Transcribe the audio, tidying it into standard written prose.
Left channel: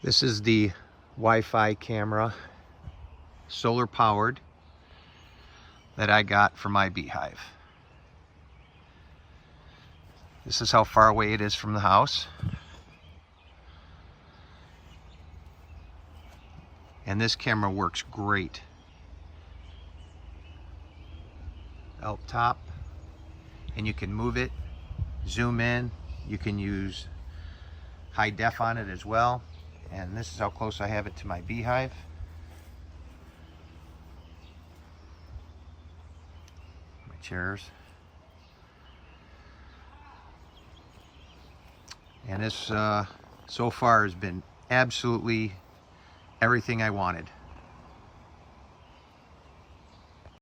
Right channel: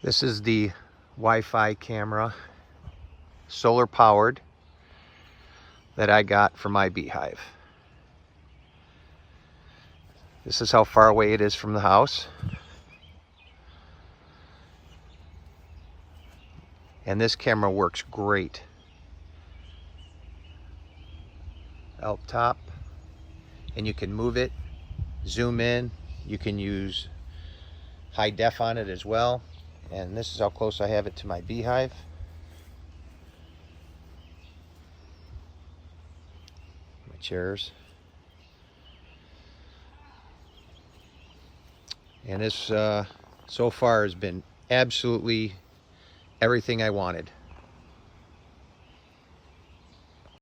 This is the Wi-Fi camera, solar powered, that I got for my beehive. This is how far away it is from the house. And this camera works great. Up top, and you can move it, zoom in, you can use high def on it as well. And this is how close I have it to my beehive. Chairs. And this so far has been absolutely everything I wanted.